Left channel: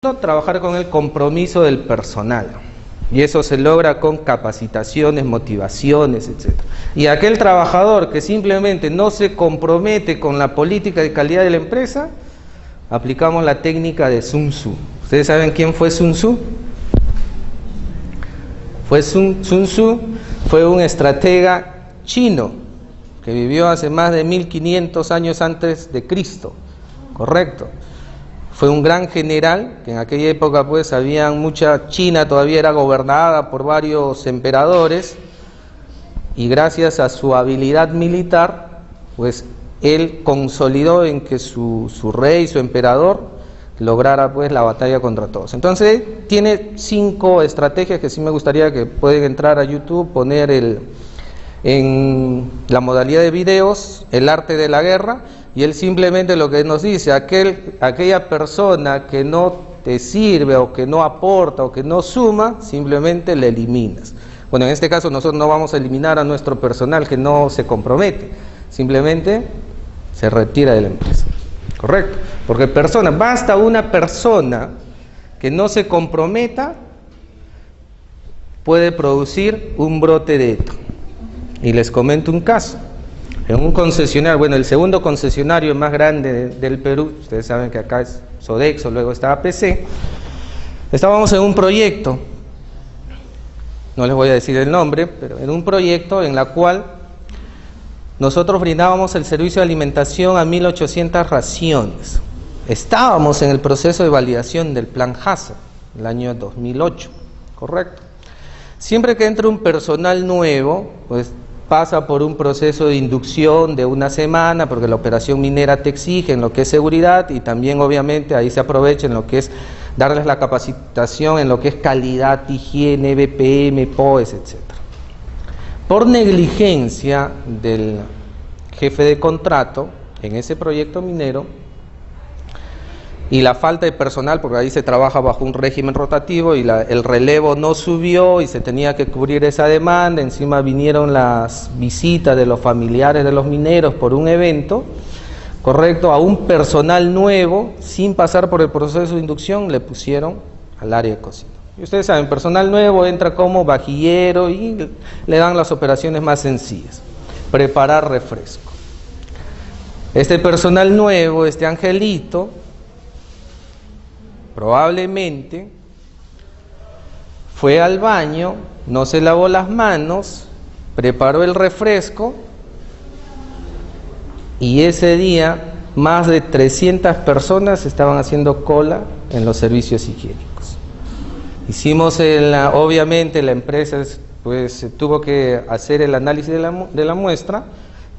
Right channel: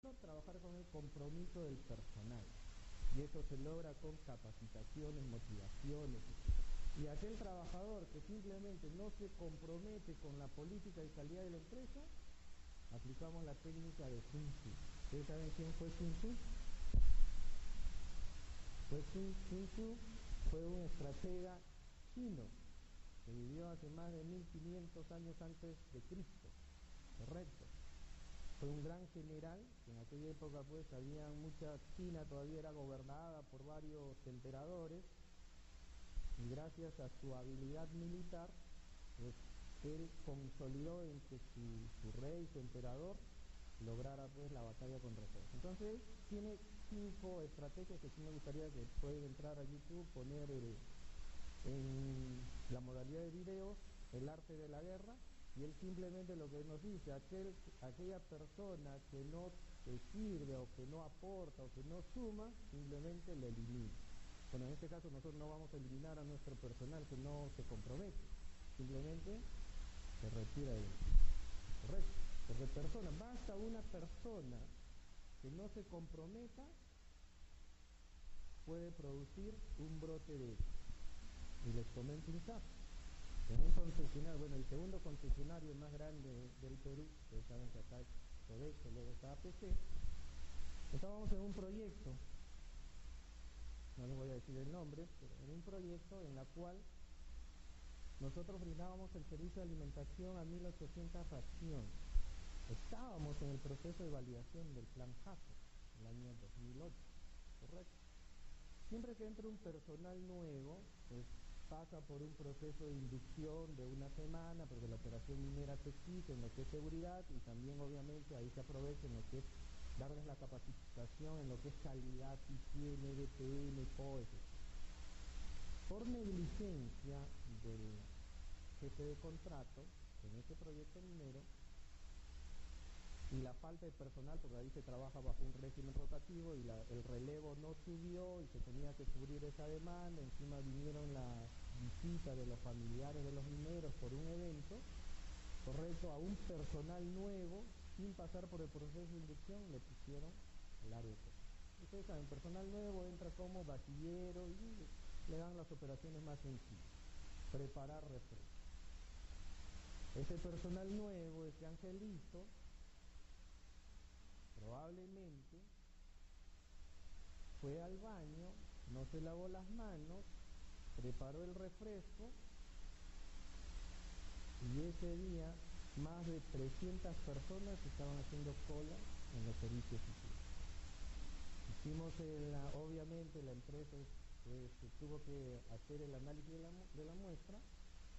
Trabajar con el compromiso del personal, y eso se logra con capacitaciones, motivaciones, etc. Y aquel trabajador que simplemente no se compromete con la política de calidad de la empresa, aplicamos la técnica de Sun Tzu. ¿Ustedes saben quién fue Sun Tzu? Sun Tzu fue un estratega chino que vivió hace más de 1500 años antes de Cristo, ¿correcto? Fue un gran general, que en aquella época pues China todavía era gobernada por varios emperadores, y gracias a su habilidad militar, pues él consolidó en que su rey, su emperador, lograra pues la batalla contra todos. Entonces tiene 5 estrategias que sí me gustaría que pueden entrar a YouTube, poner en la modalidad de videos, el arte de la guerra. Y él simplemente lo que nos dice, aquella persona que no te sirve o que no aporta o que no suma, simplemente le eliminas. Bueno, en este caso nosotros no vamos a eliminar a nuestro personal que no se compromete, simplemente se retira de la empresa, ¿correcto? Porque basta una persona que no se comprometa, puede producir un brote de ETO. Y les comento un caso. En un concesionario, bueno, el segundo concesionario más grande del Perú, ustedes saben que acá es Sodexo, luego está APC, estábamos en un proyecto, no les voy a decir el nombre, pero en un proyecto en la cual nosotros brindábamos el servicio de alimentación a 1800 raciones. Estábamos en el proceso de validación del plan Hazard, el año 2008, ¿correcto? Siempre que entra un personal nuevo, pues pasa por un proceso de inducción de una semana, porque la operación minera te exige en lo que es seguridad, y también obviamente ahí se aprovecha en lo que es darles la capacitación en lo que es calidad, higiene, BPM, POES, etc. Por negligencia del jefe de contrato en ese proyecto minero, y la falta de personal, porque ahí se trabaja bajo un régimen rotativo, y el relevo no subió y se tenía que cubrir esa demanda, encima vinieron las visitas de los familiares de los mineros por un evento, correcto, a un personal nuevo, sin pasar por el proceso de inducción, le pusieron al área de cocina. Y ustedes saben, personal nuevo entra como vajillero y le dan las operaciones más sencillas, preparar refresco. Este personal nuevo, este angelito, probablemente fue al baño, no se lavó las manos, preparó el refresco, y ese día más de 300 personas estaban haciendo cola en los servicios higiénicos. Obviamente la empresa pues tuvo que hacer el análisis de la muestra,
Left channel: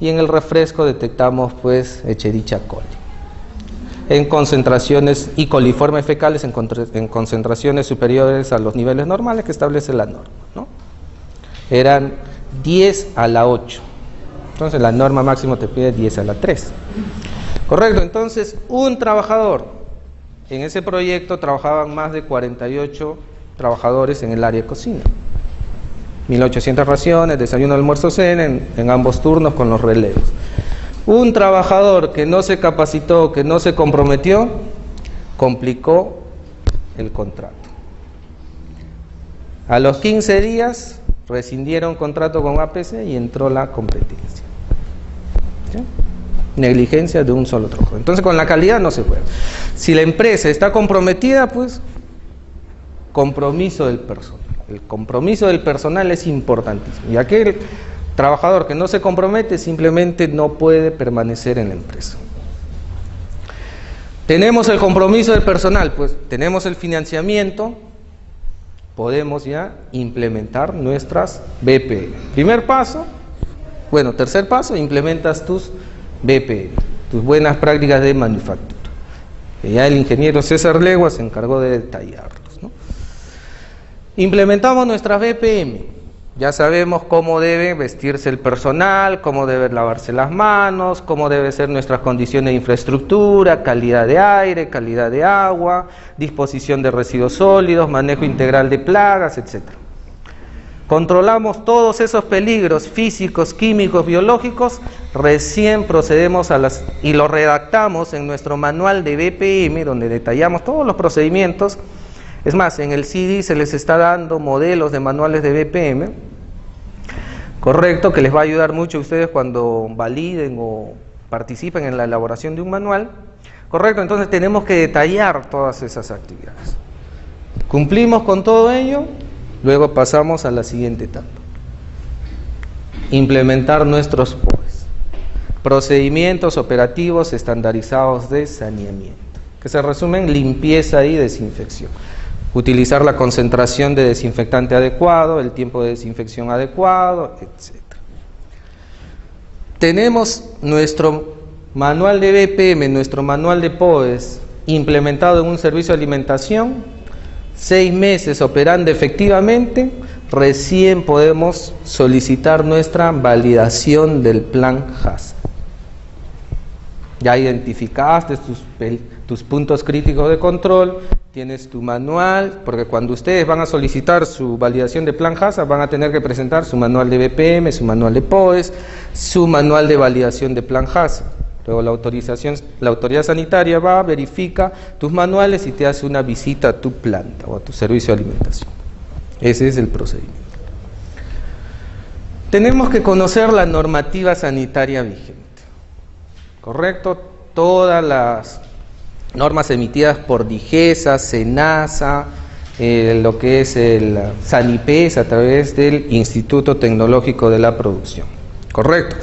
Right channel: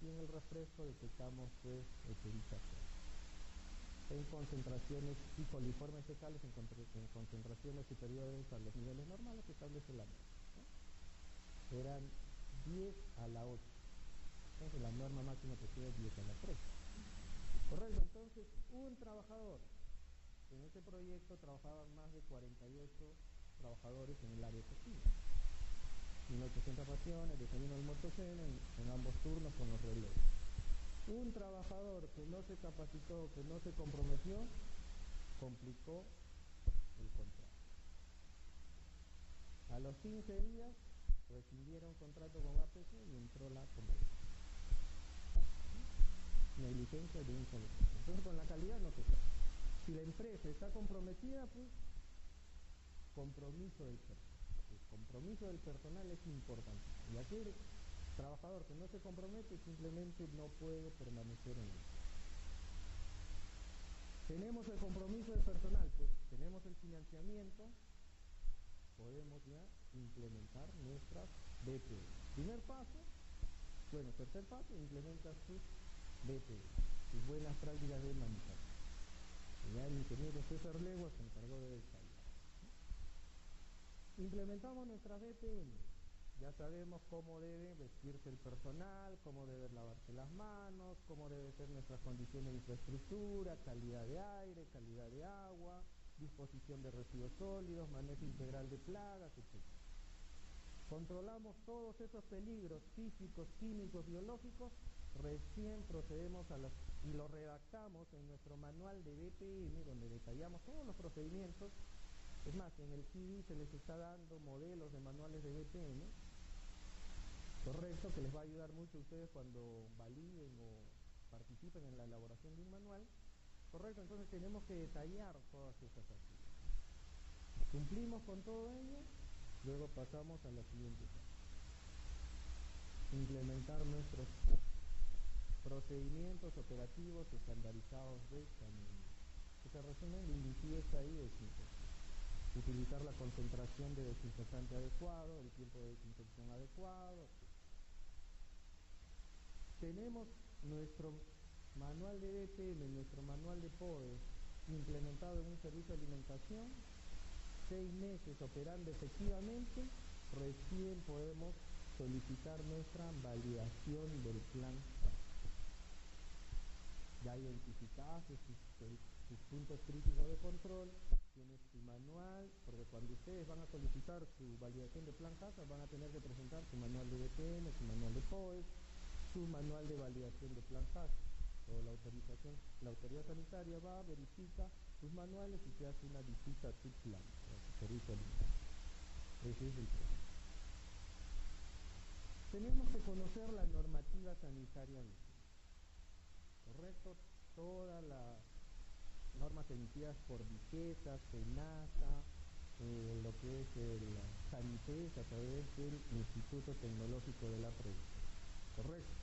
y en el refresco detectamos pues Escherichia coli en concentraciones, y coliformes fecales en concentraciones superiores a los niveles normales que establece la norma, ¿no? Eran 10 a la 8. Entonces la norma máximo te pide 10 a la 3. Correcto, entonces un trabajador, en ese proyecto trabajaban más de 48 trabajadores en el área de cocina. 1800 raciones, desayuno, almuerzo, cena, en ambos turnos con los relevos. Un trabajador que no se capacitó, que no se comprometió, complicó el contrato. A los 15 días rescindieron contrato con APC y entró la competencia. ¿Sí? Negligencia de un solo trabajador. Entonces con la calidad no se puede. Si la empresa está comprometida, pues compromiso del personal. El compromiso del personal es importantísimo. Y aquel trabajador que no se compromete simplemente no puede permanecer en la empresa. Tenemos el compromiso del personal, pues tenemos el financiamiento, podemos ya implementar nuestras BPM. Tercer paso, implementas tus BPM, tus buenas prácticas de manufactura. Que ya el ingeniero César Legua se encargó de detallarlos, ¿no? Implementamos nuestras BPM. Ya sabemos cómo debe vestirse el personal, cómo debe lavarse las manos, cómo deben ser nuestras condiciones de infraestructura, calidad de aire, calidad de agua, disposición de residuos sólidos, manejo integral de plagas, etc. controlamos todos esos peligros físicos, químicos, biológicos, recién procedemos y lo redactamos en nuestro manual de BPM, donde detallamos todos los procedimientos. Es más, en el CD se les está dando modelos de manuales de BPM, correcto, que les va a ayudar mucho a ustedes cuando validen o participen en la elaboración de un manual, correcto. Entonces tenemos que detallar todas esas actividades. Cumplimos con todo ello, luego pasamos a la siguiente etapa: implementar nuestros POEs, procedimientos operativos estandarizados de saneamiento, que se resumen limpieza y desinfección. Utilizar la concentración de desinfectante adecuado, el tiempo de desinfección adecuado, etc. Tenemos nuestro manual de BPM, nuestro manual de POEs implementado en un servicio de alimentación, 6 meses operando efectivamente, recién podemos solicitar nuestra validación del plan HACCP. Ya identificaste tus puntos críticos de control, tienes tu manual, porque cuando ustedes van a solicitar su validación de plan HACCP van a tener que presentar su manual de BPM, su manual de POEs, su manual de validación de plan HACCP. Luego la autoridad sanitaria va, verifica tus manuales y te hace una visita a tu planta o a tu servicio de alimentación. Ese es el procedimiento. Tenemos que conocer la normativa sanitaria vigente, ¿correcto? Todas las normas emitidas por DIGESA, SENASA, lo que es el SANIPES a través del Instituto Tecnológico de la Producción, ¿correcto?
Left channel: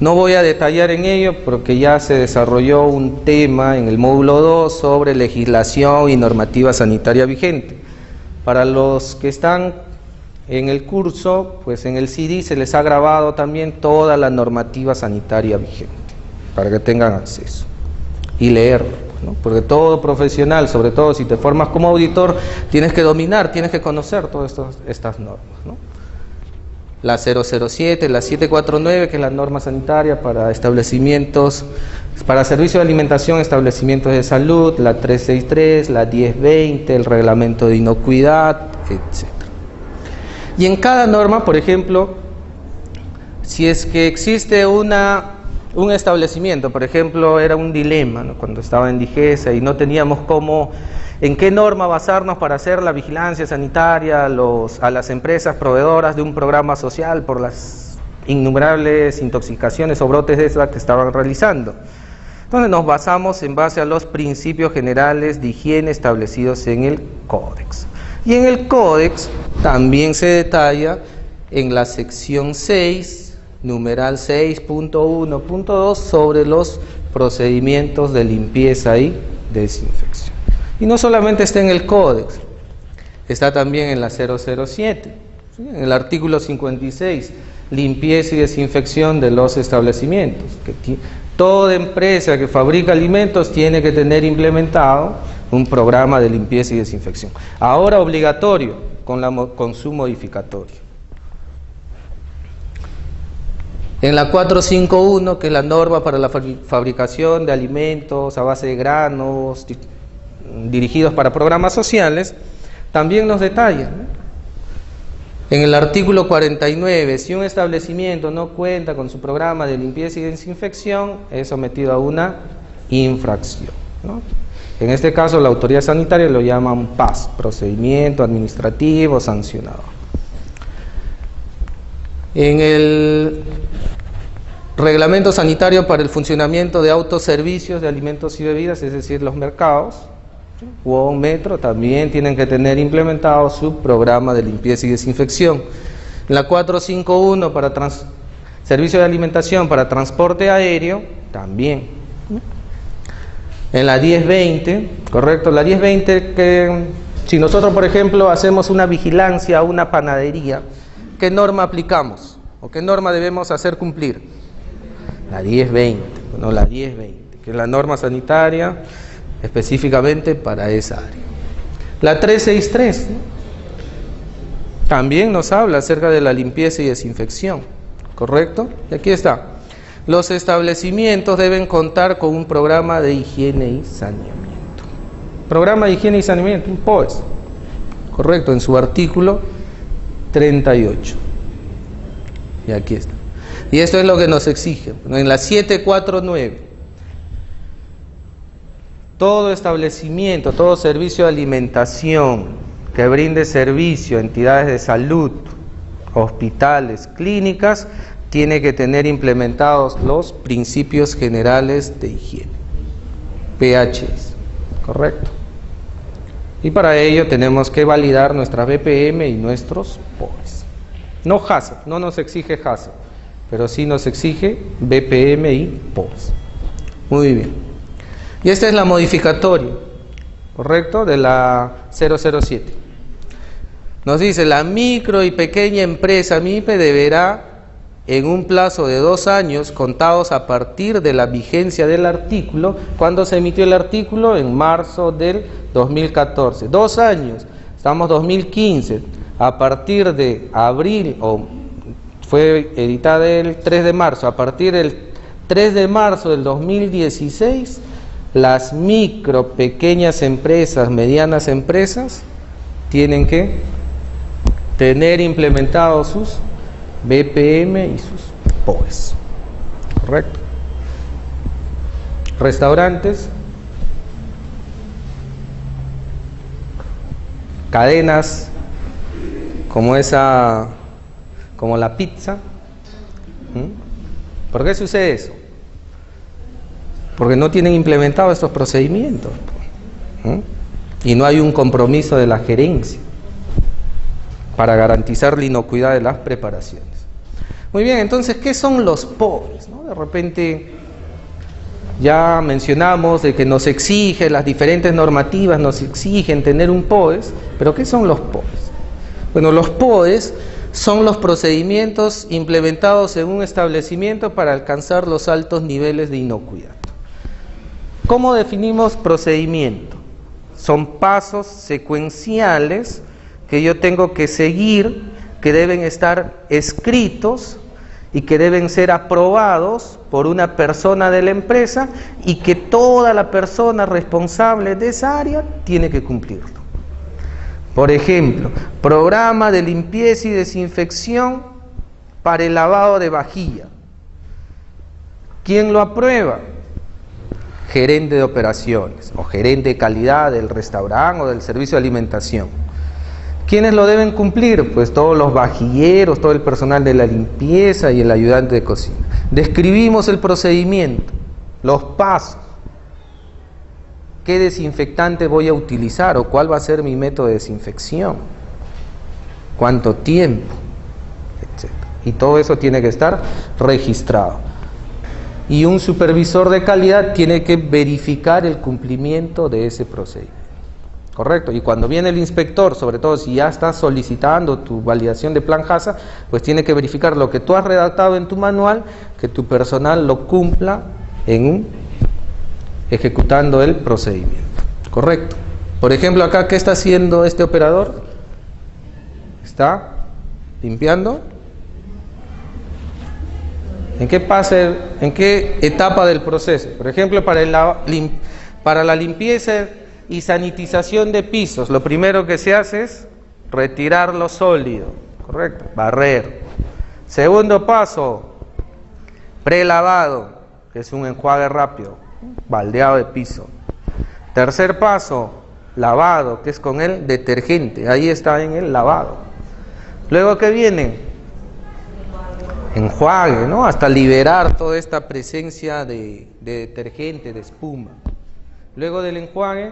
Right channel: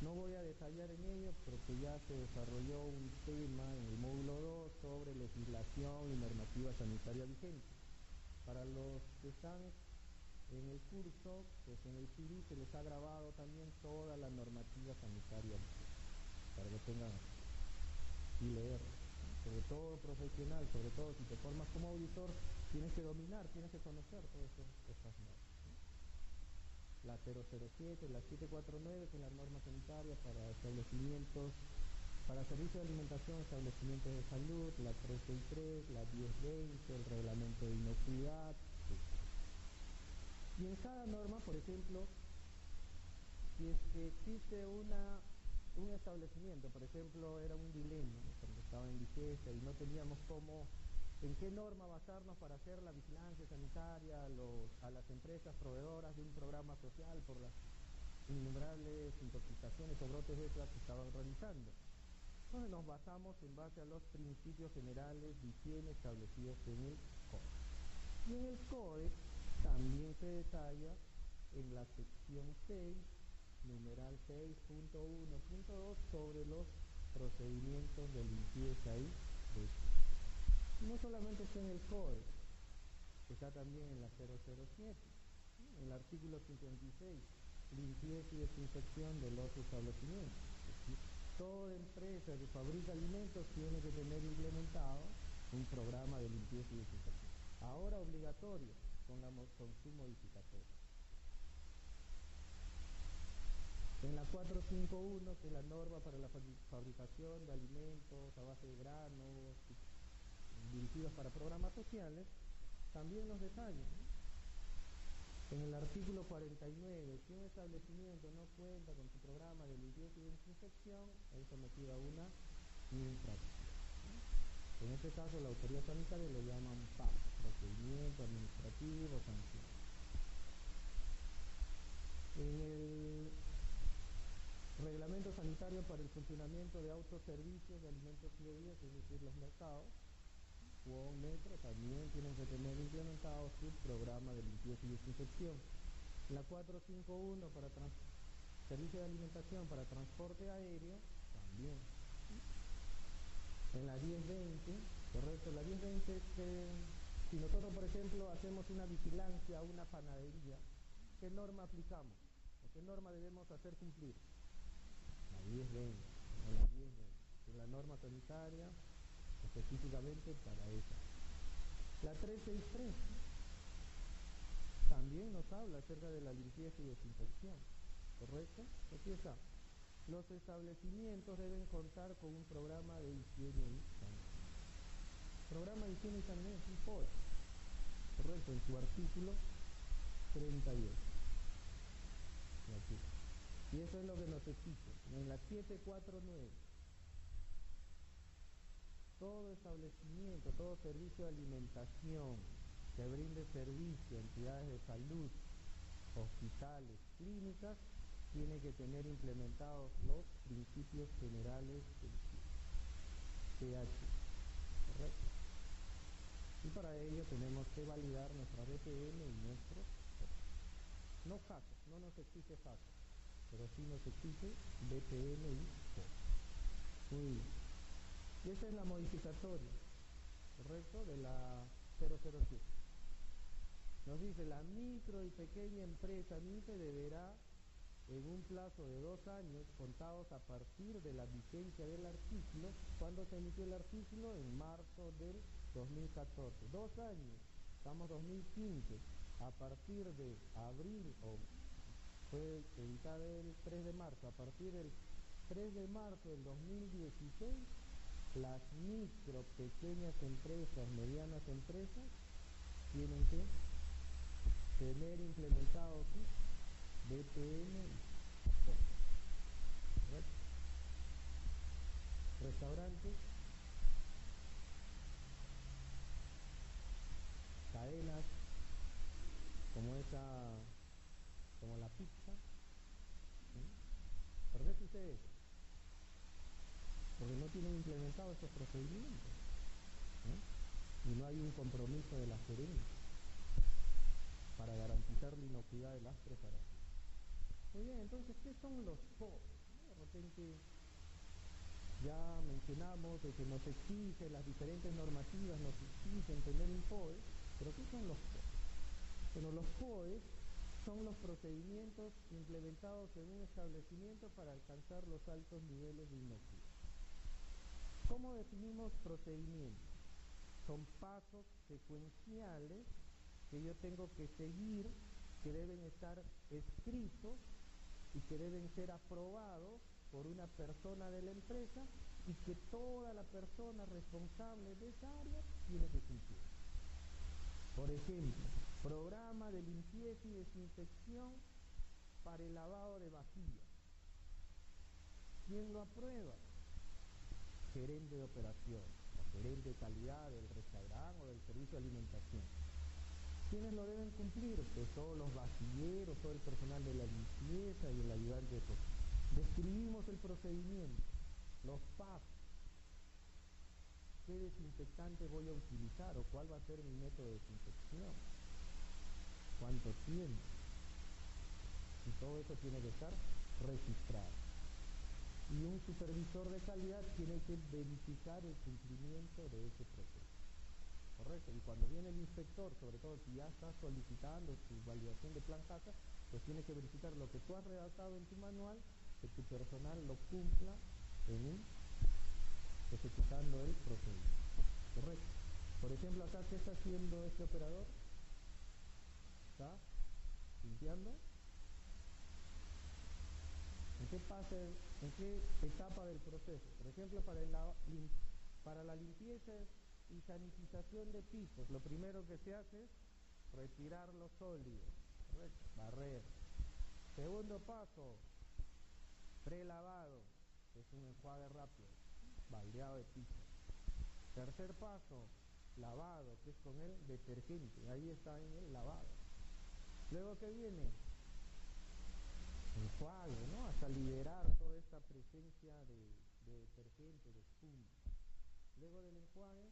No voy a detallar en ello porque ya se desarrolló un tema en el módulo 2 sobre legislación y normativa sanitaria vigente. Para los que están en el curso, pues en el CD se les ha grabado también toda la normativa sanitaria vigente, para que tengan acceso y leerlo, ¿no? Porque todo profesional, sobre todo si te formas como auditor, tienes que dominar, tienes que conocer todas estas normas, ¿no? La 007, la 749, que es la norma sanitaria para establecimientos, para servicios de alimentación, establecimientos de salud, la 363, la 1020, el reglamento de inocuidad, etc. Y en cada norma, por ejemplo, si es que existe un establecimiento, por ejemplo, era un dilema, ¿no? Cuando estaba en DIGESA y no teníamos en qué norma basarnos para hacer la vigilancia sanitaria a las empresas proveedoras de un programa social por las innumerables intoxicaciones o brotes de esas que estaban realizando. Entonces nos basamos en base a los principios generales de higiene establecidos en el Códex. Y en el Códex también se detalla en la sección 6, numeral 6.1.2, sobre los procedimientos de limpieza y desinfección. Y no solamente está en el Códex, está también en la 007, ¿sí? En el artículo 56, limpieza y desinfección de los establecimientos. Toda empresa que fabrica alimentos tiene que tener implementado un programa de limpieza y desinfección. Ahora obligatorio, con su modificatorio. En la 451, que es la norma para la fabricación de alimentos a base de granos, dirigidos para programas sociales, también nos detalla, ¿no? En el artículo 49, si un establecimiento no cuenta con su programa de limpieza y desinfección, es sometido a una infracción, ¿no? En este caso la autoridad sanitaria lo llaman PAS, procedimiento administrativo sancionado. En el reglamento sanitario para el funcionamiento de autoservicios de alimentos y bebidas, es decir, los mercados, o un metro, también tienen que tener implementado su programa de limpieza y desinfección. En la 451 para servicio de alimentación para transporte aéreo, también. En la 1020, correcto, la 1020, que si nosotros por ejemplo hacemos una vigilancia a una panadería, ¿qué norma aplicamos? ¿O qué norma debemos hacer cumplir? La 1020, no, la 1020, que es la norma sanitaria específicamente para esa área. La 363, ¿no? También nos habla acerca de la limpieza y desinfección, ¿correcto? Y aquí está: los establecimientos deben contar con un programa de higiene y saneamiento. Programa de higiene y saneamiento, un POES, correcto, en su artículo 38. Y aquí está. Y esto es lo que nos exige. En la 749, todo establecimiento, todo servicio de alimentación que brinde servicio a entidades de salud, hospitales, clínicas, tiene que tener implementados los principios generales de higiene, PHS, ¿correcto? Y para ello tenemos que validar nuestra BPM y nuestros POEs. No HACCP, no nos exige HACCP, pero sí nos exige BPM y POEs. Muy bien. Y esta es la modificatoria, ¿correcto? De la 007. Nos dice, la micro y pequeña empresa MIPE deberá, en un plazo de 2 años, contados a partir de la vigencia del artículo. ¿Cuándo se emitió el artículo? En marzo del 2014. 2 años, estamos 2015. A partir de abril, o fue editada el 3 de marzo, a partir del 3 de marzo del 2016, las micro, pequeñas empresas, medianas empresas, tienen que tener implementados sus BPM y sus POEs, ¿correcto? Restaurantes, cadenas como como la pizza. ¿Por qué sucede eso? Porque no tienen implementados estos procedimientos. Y no hay un compromiso de la gerencia para garantizar la inocuidad de las preparaciones. Muy bien, entonces, ¿qué son los POEs? ¿No? De repente ya mencionamos de que nos exige, las diferentes normativas nos exigen tener un POEs, pero ¿qué son los POEs? Bueno, los POEs son los procedimientos implementados en un establecimiento para alcanzar los altos niveles de inocuidad. ¿Cómo definimos procedimiento? Son pasos secuenciales que yo tengo que seguir, que deben estar escritos y que deben ser aprobados por una persona de la empresa y que toda la persona responsable de esa área tiene que cumplirlo. Por ejemplo, programa de limpieza y desinfección para el lavado de vajilla. ¿Quién lo aprueba? Gerente de operaciones o gerente de calidad del restaurante o del servicio de alimentación. ¿Quiénes lo deben cumplir? Pues todos los vajilleros, todo el personal de la limpieza y el ayudante de cocina. Describimos el procedimiento, los pasos. ¿Qué desinfectante voy a utilizar o cuál va a ser mi método de desinfección? ¿Cuánto tiempo? Etcétera. Y todo eso tiene que estar registrado. Y un supervisor de calidad tiene que verificar el cumplimiento de ese procedimiento. ¿Correcto? Y cuando viene el inspector, sobre todo si ya estás solicitando tu validación de plan HACCP, pues tiene que verificar lo que tú has redactado en tu manual, que tu personal lo cumpla ejecutando el procedimiento. ¿Correcto? Por ejemplo, acá, ¿qué está haciendo este operador? Está limpiando. ¿En qué etapa del proceso? Por ejemplo, para la limpieza y sanitización de pisos, lo primero que se hace es retirar lo sólido, ¿correcto? Barrer. Segundo paso, prelavado, que es un enjuague rápido, baldeado de piso. Tercer paso, lavado, que es con el detergente, ahí está en el lavado. Luego, ¿qué viene? Enjuague, ¿no? Hasta liberar toda esta presencia de detergente, de espuma. Luego del enjuague,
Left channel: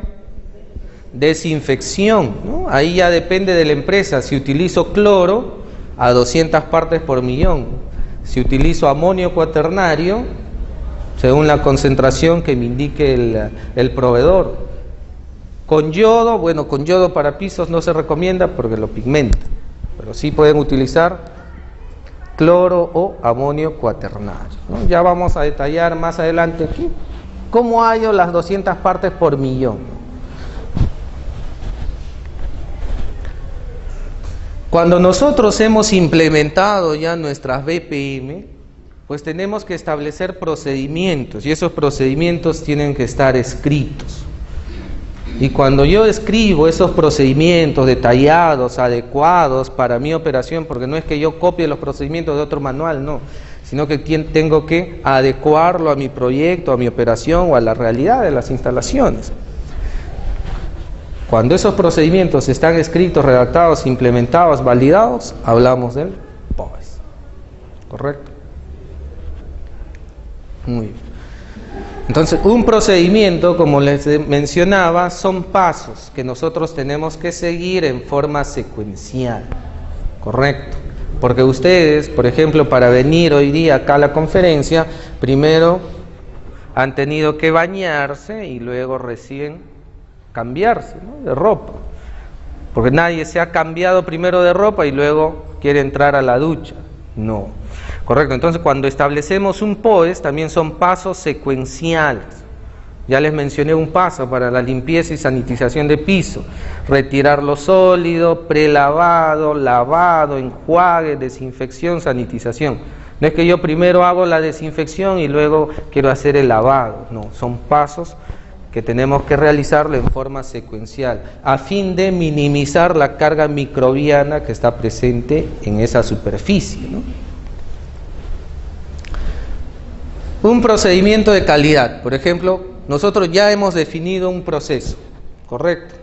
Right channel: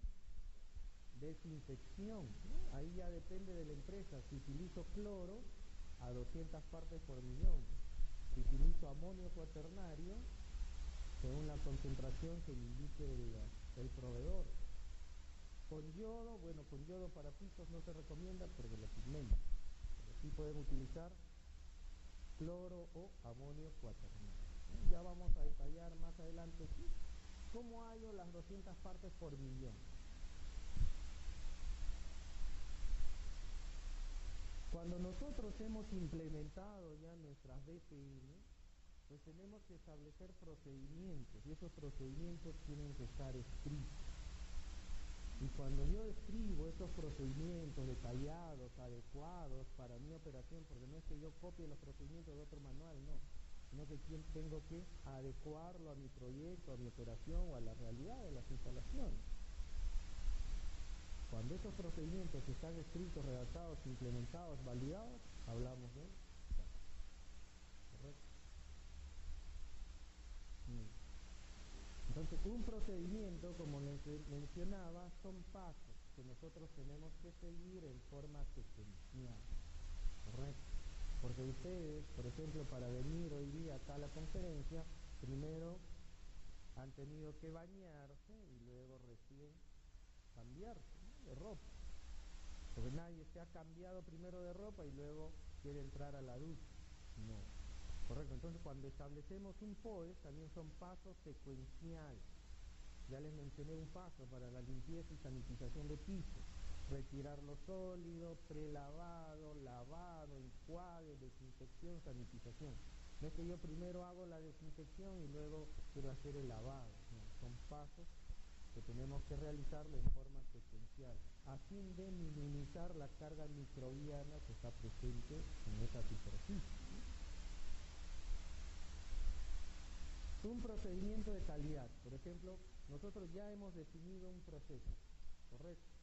desinfección, ¿no? Ahí ya depende de la empresa. Si utilizo cloro, a 200 partes por millón. Si utilizo amonio cuaternario, según la concentración que me indique el proveedor. Con yodo, bueno, con yodo para pisos no se recomienda porque lo pigmenta, pero sí pueden utilizar cloro o amonio cuaternario, ¿no? Ya vamos a detallar más adelante aquí cómo hallo las 200 partes por millón. Cuando nosotros hemos implementado ya nuestras BPM, pues tenemos que establecer procedimientos y esos procedimientos tienen que estar escritos. Y cuando yo escribo esos procedimientos detallados, adecuados para mi operación, porque no es que yo copie los procedimientos de otro manual, no, sino que tengo que adecuarlo a mi proyecto, a mi operación o a la realidad de las instalaciones. Cuando esos procedimientos están escritos, redactados, implementados, validados, hablamos del POES. ¿Correcto? Muy bien. Entonces, un procedimiento, como les mencionaba, son pasos que nosotros tenemos que seguir en forma secuencial. ¿Correcto? Porque ustedes, por ejemplo, para venir hoy día acá a la conferencia, primero han tenido que bañarse y luego recién cambiarse, ¿no?, de ropa. Porque nadie se ha cambiado primero de ropa y luego quiere entrar a la ducha. No. Correcto. Entonces, cuando establecemos un POES, también son pasos secuenciales. Ya les mencioné un paso para la limpieza y sanitización de piso: retirar lo sólido, prelavado, lavado, enjuague, desinfección, sanitización. No es que yo primero hago la desinfección y luego quiero hacer el lavado. No, son pasos que tenemos que realizarlo en forma secuencial, a fin de minimizar la carga microbiana que está presente en esa superficie, ¿no? Un procedimiento de calidad, por ejemplo, nosotros ya hemos definido un proceso, ¿correcto?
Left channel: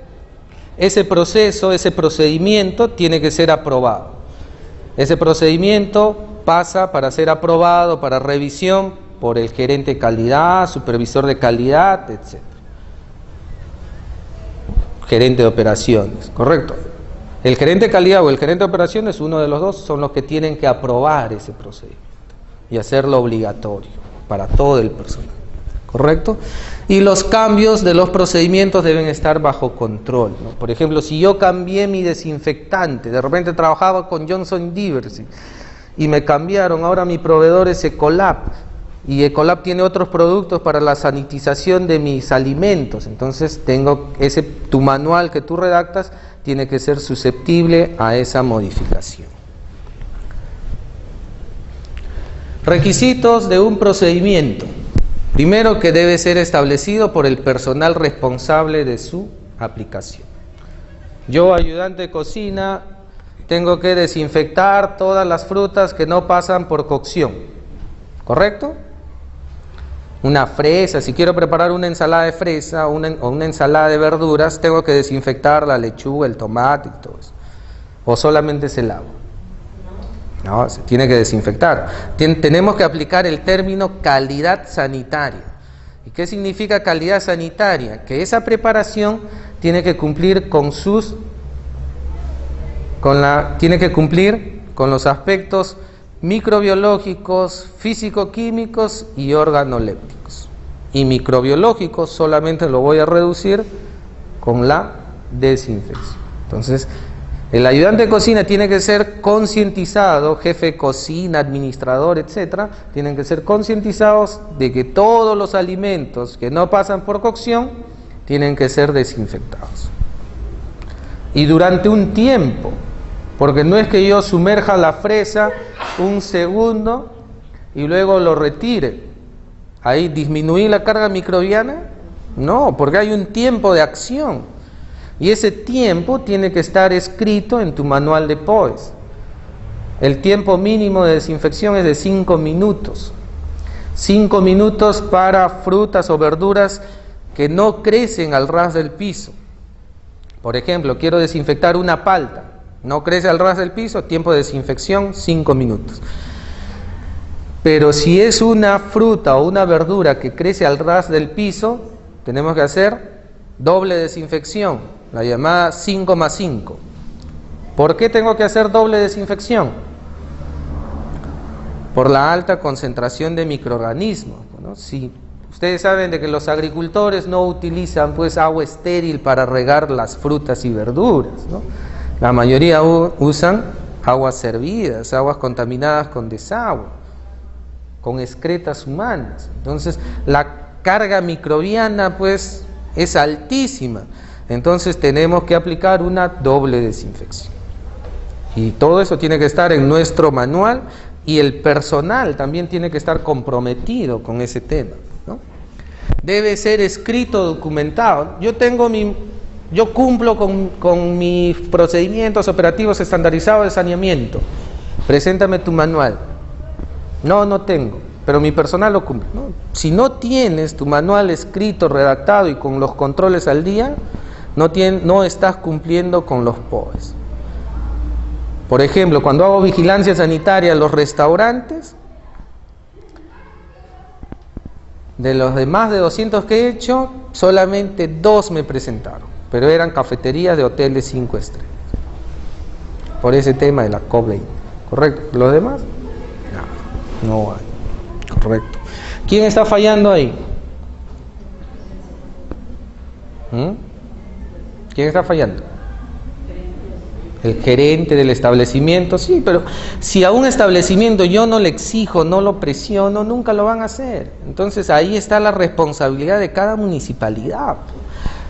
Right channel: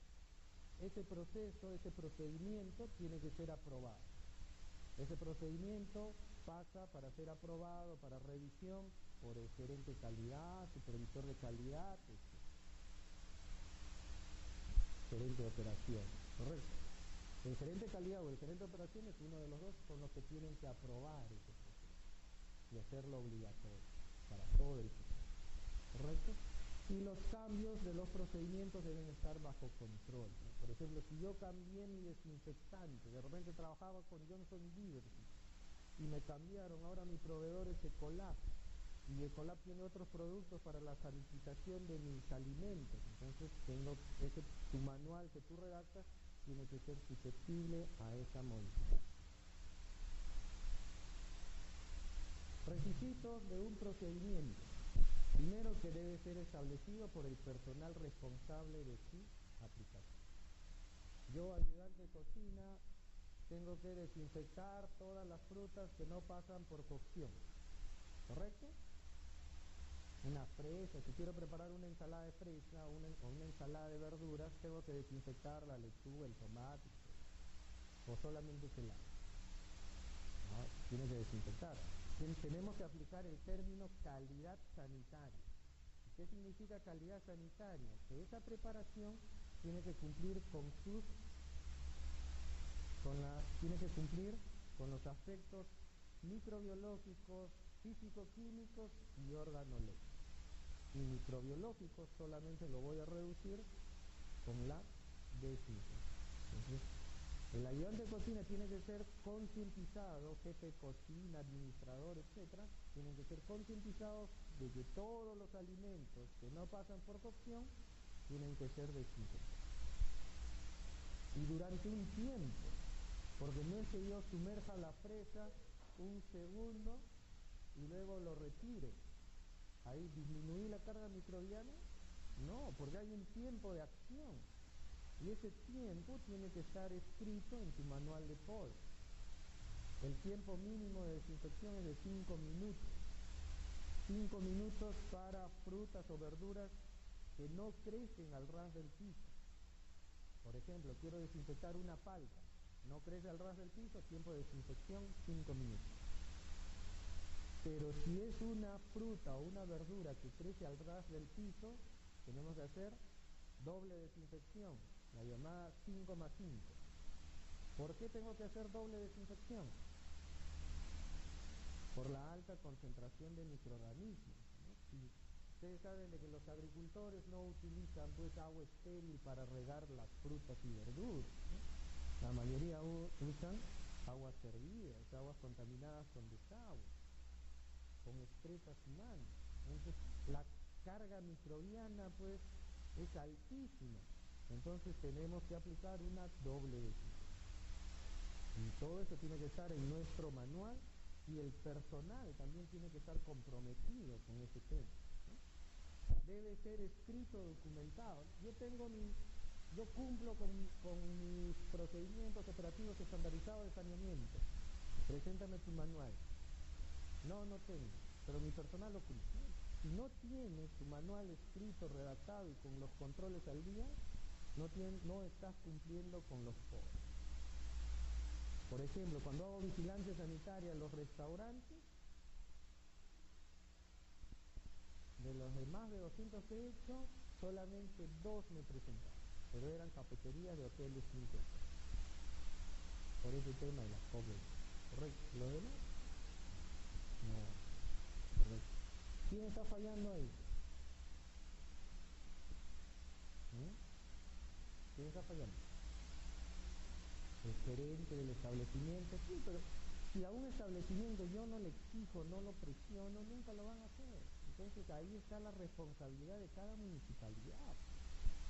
Ese proceso, ese procedimiento tiene que ser aprobado. Ese procedimiento pasa para ser aprobado, para revisión, por el gerente de calidad, supervisor de calidad, etc. Gerente de operaciones, ¿correcto? El gerente de calidad o el gerente de operaciones, uno de los dos, son los que tienen que aprobar ese procedimiento y hacerlo obligatorio para todo el personal, ¿correcto? Y los cambios de los procedimientos deben estar bajo control, ¿no? Por ejemplo, si yo cambié mi desinfectante, de repente trabajaba con Johnson Diversey y me cambiaron, ahora mi proveedor es Ecolab, y Ecolab tiene otros productos para la sanitización de mis alimentos, entonces tu manual que tú redactas tiene que ser susceptible a esa modificación. Requisitos de un procedimiento. Primero, que debe ser establecido por el personal responsable de su aplicación. Yo, ayudante de cocina, tengo que desinfectar todas las frutas que no pasan por cocción, ¿correcto? Una fresa, si quiero preparar una ensalada de fresa o una ensalada de verduras, tengo que desinfectar la lechuga, el tomate y todo eso. ¿O solamente es el agua? No, se tiene que desinfectar. Tenemos que aplicar el término calidad sanitaria. ¿Y qué significa calidad sanitaria? Que esa preparación tiene que cumplir tiene que cumplir con los aspectos microbiológicos, físico-químicos y organolépticos. Y microbiológicos solamente lo voy a reducir con la desinfección. Entonces, el ayudante de cocina tiene que ser concientizado, jefe de cocina, administrador, etcétera, tienen que ser concientizados de que todos los alimentos que no pasan por cocción tienen que ser desinfectados. Y durante un tiempo, porque no es que yo sumerja la fresa un segundo y luego lo retire. Ahí disminuí la carga microbiana. No, porque hay un tiempo de acción. Y ese tiempo tiene que estar escrito en tu manual de POES. El tiempo mínimo de desinfección es de 5 minutos. 5 minutos para frutas o verduras que no crecen al ras del piso. Por ejemplo, quiero desinfectar una palta. No crece al ras del piso, tiempo de desinfección 5 minutos. Pero si es una fruta o una verdura que crece al ras del piso, tenemos que hacer doble desinfección, la llamada 5+5. ¿Por qué tengo que hacer doble desinfección? Por la alta concentración de microorganismos, ¿no? Si ustedes saben de que los agricultores no utilizan pues agua estéril para regar las frutas y verduras, ¿no? La mayoría usan aguas hervidas, aguas contaminadas con desagüe, con excretas humanas. Entonces la carga microbiana pues es altísima. Entonces tenemos que aplicar una doble desinfección. Y todo eso tiene que estar en nuestro manual, y el personal también tiene que estar comprometido con ese tema, ¿no? Debe ser escrito, documentado. Yo cumplo con mis procedimientos operativos estandarizados de saneamiento. Preséntame tu manual. No, no tengo, pero mi personal lo cumple. ¿No? Si no tienes tu manual escrito, redactado y con los controles al día, no estás cumpliendo con los POEs. Por ejemplo, cuando hago vigilancia sanitaria en los restaurantes, de los demás de 200 que he hecho, solamente 2 me presentaron, pero eran cafeterías de hoteles 5 estrellas. Por ese tema de la COVID, ¿correcto? ¿Los demás? No hay. Correcto. ¿Quién está fallando ahí? ¿Quién está fallando? El gerente del establecimiento, sí, pero si a un establecimiento yo no le exijo, no lo presiono, nunca lo van a hacer. Entonces ahí está la responsabilidad de cada municipalidad.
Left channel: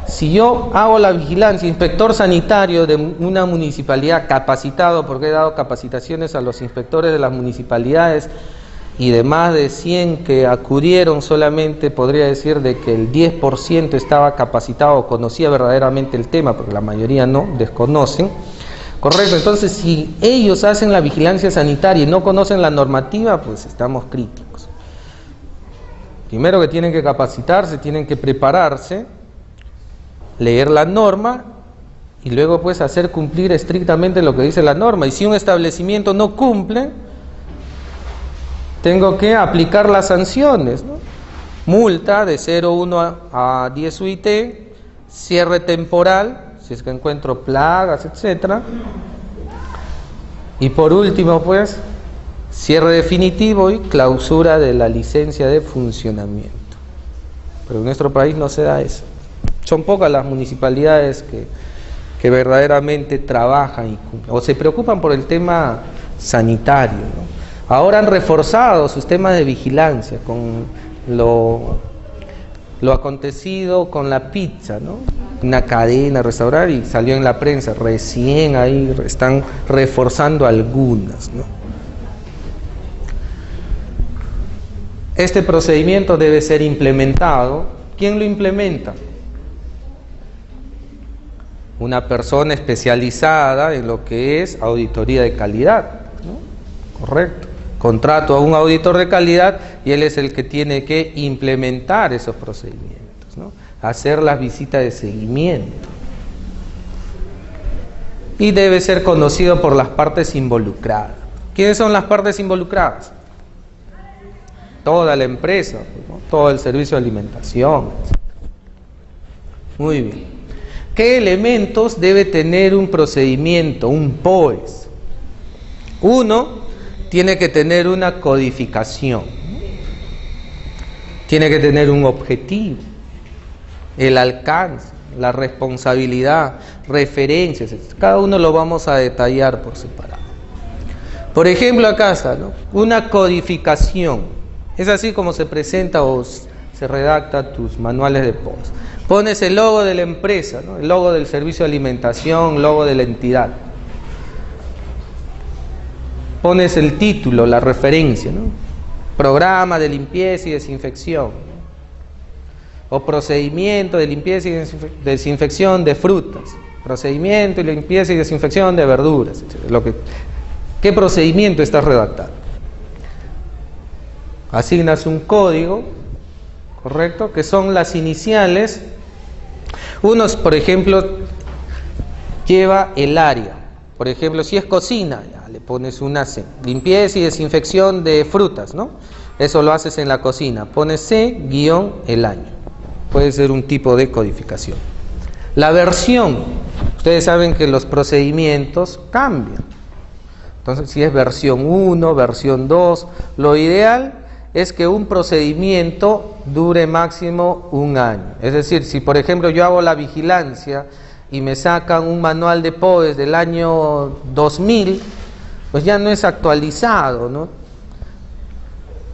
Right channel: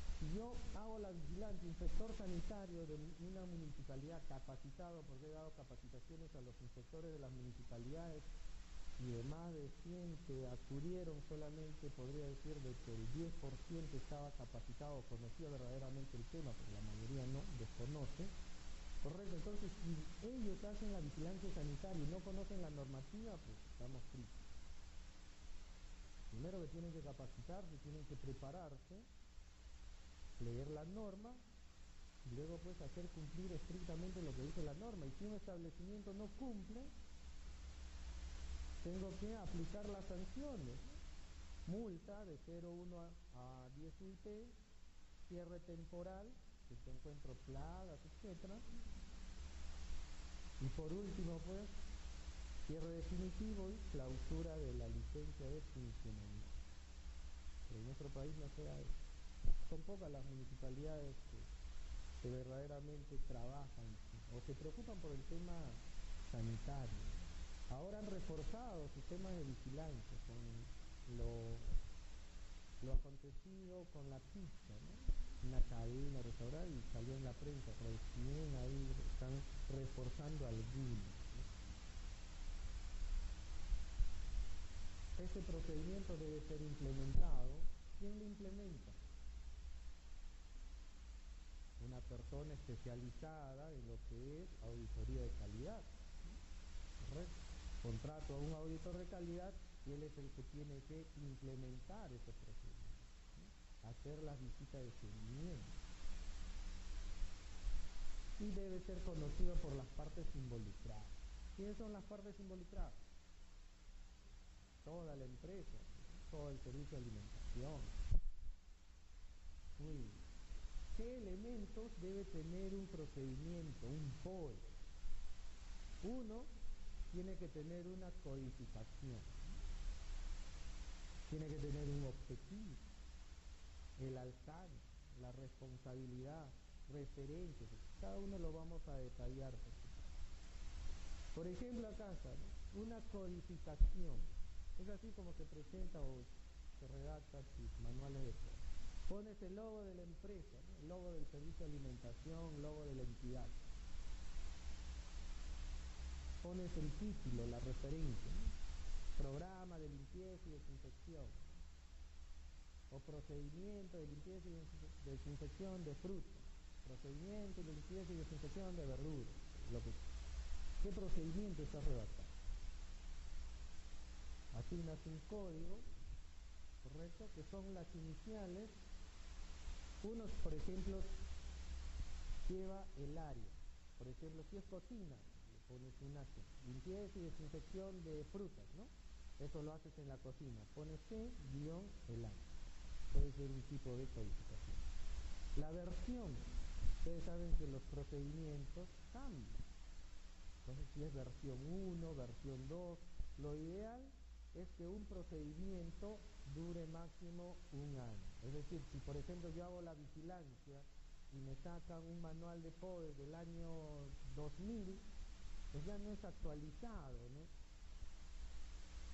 Si yo hago la vigilancia, inspector sanitario de una municipalidad capacitado, porque he dado capacitaciones a los inspectores de las municipalidades, y de más de 100 que acudieron, solamente podría decir de que el 10% estaba capacitado o conocía verdaderamente el tema, porque la mayoría no, desconocen. Correcto, entonces si ellos hacen la vigilancia sanitaria y no conocen la normativa, pues estamos críticos. Primero que tienen que capacitarse, tienen que prepararse, leer la norma y luego pues hacer cumplir estrictamente lo que dice la norma. Y si un establecimiento no cumple, tengo que aplicar las sanciones, ¿no? Multa de 0,1 a 10 UIT, cierre temporal, si es que encuentro plagas, etcétera. Y por último, pues, cierre definitivo y clausura de la licencia de funcionamiento. Pero en nuestro país no se da eso. Son pocas las municipalidades que verdaderamente trabajan y cumplen, o se preocupan por el tema sanitario, ¿no? Ahora han reforzado sus temas de vigilancia con lo acontecido con la pizza, ¿no? Una cadena, restaurante, y salió en la prensa, recién ahí están reforzando algunas, ¿no? Este procedimiento debe ser implementado. ¿Quién lo implementa? Una persona especializada en lo que es auditoría de calidad, ¿no? Correcto. Contrato a un auditor de calidad y él es el que tiene que implementar esos procedimientos, ¿no? Hacer las visitas de seguimiento. Y debe ser conocido por las partes involucradas. ¿Quiénes son las partes involucradas? Toda la empresa, ¿no? Todo el servicio de alimentación, etc. Muy bien. ¿Qué elementos debe tener un procedimiento, un POES? Uno, tiene que tener una codificación, tiene que tener un objetivo, el alcance, la responsabilidad, referencias, etc. Cada uno lo vamos a detallar por separado. Por ejemplo, acá está, ¿no? Una codificación. Es así como se presenta o se redacta tus manuales de POES. Pones el logo de la empresa, ¿no? El logo del servicio de alimentación, logo de la entidad. Pones el título, la referencia, ¿no? Programa de limpieza y desinfección, ¿no? O procedimiento de limpieza y desinfección de frutas, procedimiento y limpieza y desinfección de verduras, etc. ¿Qué procedimiento estás redactando? Asignas un código, ¿correcto? Que son las iniciales. Unos, por ejemplo, lleva el área. Por ejemplo, si es cocina, ya le pones una C. Limpieza y desinfección de frutas, ¿no? Eso lo haces en la cocina. Pones C-el año. Puede ser un tipo de codificación. La versión. Ustedes saben que los procedimientos cambian. Entonces, si es versión 1, versión 2, lo ideal es que un procedimiento dure máximo 1 año. Es decir, si por ejemplo yo hago la vigilancia y me sacan un manual de POES del año 2000, pues ya no es actualizado, ¿no?